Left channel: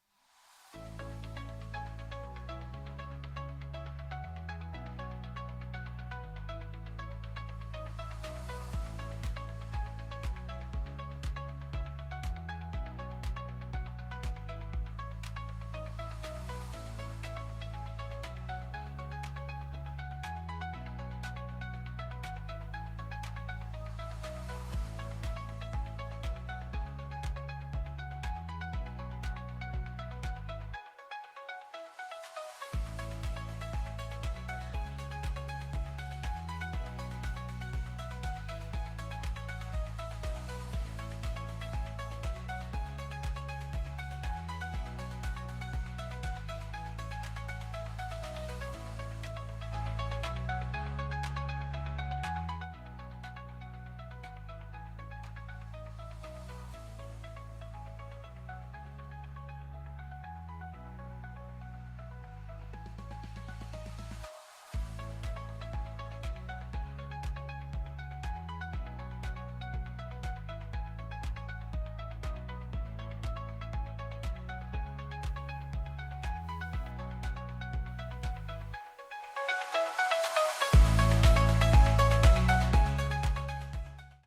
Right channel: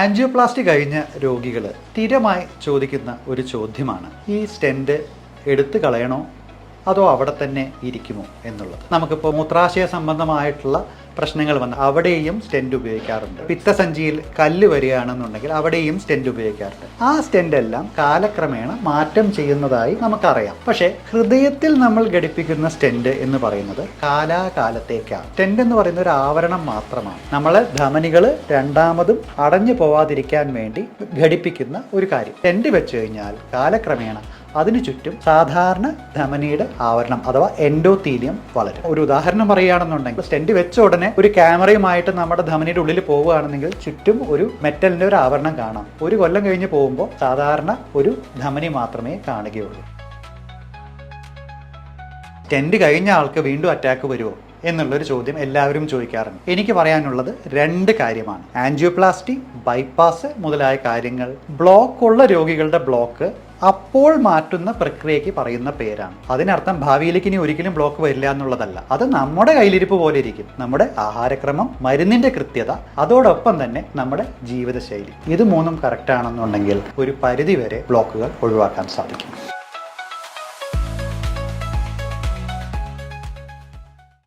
Angioplasty കഴിഞ്ഞ രോഗികൾ സ്ഥിരമായി ചോദിക്കുന്ന ഒരു ചോദ്യമാണ് ഈ സ്റ്റെന്റ് എടുത്തു കളയണോ അതോ അവിടെ തന്നെ ഇരിക്കുമോ എന്നുള്ളത്. നമുക്കിപ്പോൾ മൂത്രാശയ സംബന്ധമായിട്ടുള്ള പ്രശ്നങ്ങൾ വന്ന് അവിടെയും സ്റ്റെന്റ് ഉപയോഗിക്കാറുണ്ട്. പിത്തസഞ്ചിയിൽ കല്ല് വരികയാണെന്നുണ്ടെങ്കിൽ അവിടെയും സ്റ്റെന്റ് ഉപയോഗിക്കാറുണ്ട്. ആ സ്റ്റെന്റ് എല്ലാം കാലക്രമേണ മാറ്റം ചെയ്യുന്നതായി നമുക്കറിയാം. പക്ഷേ ഹൃദയത്തിൽ നമ്മൾ ഘടിപ്പിക്കുന്ന സ്റ്റെന്റ് എന്ന് പറയുന്നത് കാലാകാലത്തേക്കാണ്. സ്റ്റെന്റ് എന്ന് പറയുന്ന ഒരു ആവരണം മാത്രമാണ്. നമ്മൾ ധമനികൾ രണ്ടാമതും അടഞ്ഞു പോവാതിരിക്കാൻ വേണ്ടി ഘടിപ്പിക്കുന്ന ഒരു കാര്യം. സ്റ്റെന്റ് വെച്ച് കഴിഞ്ഞാൽ കാലക്രമേണ അതിനു ചുറ്റും സാധാരണ ധമനിയുടെ ആവരണം അഥവാ എൻഡോത്തീലിയം വളരും. ഒരു ഉദാഹരണം പറയുകയാണെന്നുണ്ടെങ്കിൽ സ്റ്റെന്റ് വെച്ച ഉടനെ ഒരു ക്യാമറയുമായിട്ട് നമ്മുടെ ധമനിയുടെ ഉള്ളിൽ പോവുകയാണെന്നെങ്കിൽ ചുറ്റും ഒരു മെറ്റലിന്റെ ഒരു ആവരണം കാണാം. ഒരു കൊല്ലം കഴിഞ്ഞ് പോകുമ്പോൾ സാധാരണ ഒരു ധമനി മാത്രമേ കാണുകയുള്ളൂ. ടെന്റ് കഴിഞ്ഞ ആൾക്ക് വീണ്ടും അറ്റാക്ക് വരുമോ? എന്നുള്ളൊരു ചോദ്യം എല്ലാവരും ചോദിക്കാറുണ്ട്. എനിക്ക് പറയാനുള്ളത് രണ്ട് കാര്യമാണ്. ആൻജിയോപ്ലാസ്റ്റി ബൈപ്പാസ് മുതലായ കാര്യങ്ങൾ. ബ്ലോക്ക് ഉള്ള രോഗികളുടെ ബ്ലോക്ക് അപ്പോൾ മാറ്റുന്ന പ്രക്രിയയ്ക്ക് പറയുന്ന പേരാണ്. അതിനർത്ഥം ഭാവിയിലേക്ക് ഇനി ഒരിക്കലും ബ്ലോക്ക് വരില്ല എന്നുള്ളതല്ല. അത് നമ്മുടെ കയ്യിലിരിപ്പ് പോലെ ഇരിക്കും. നമ്മുടെ ആഹാരക്രമം മരുന്നിന്റെ കൃത്യത അതോടൊപ്പം തന്നെ നമ്മുടെ ജീവിതശൈലി. ഇത് മൂന്നും കറക്റ്റ് ആണെന്നുണ്ടെങ്കിൽ ഒരു പരിധിവരെ ബ്ലോക്കുകൾ ഒഴിവാക്കാൻ സാധിക്കും.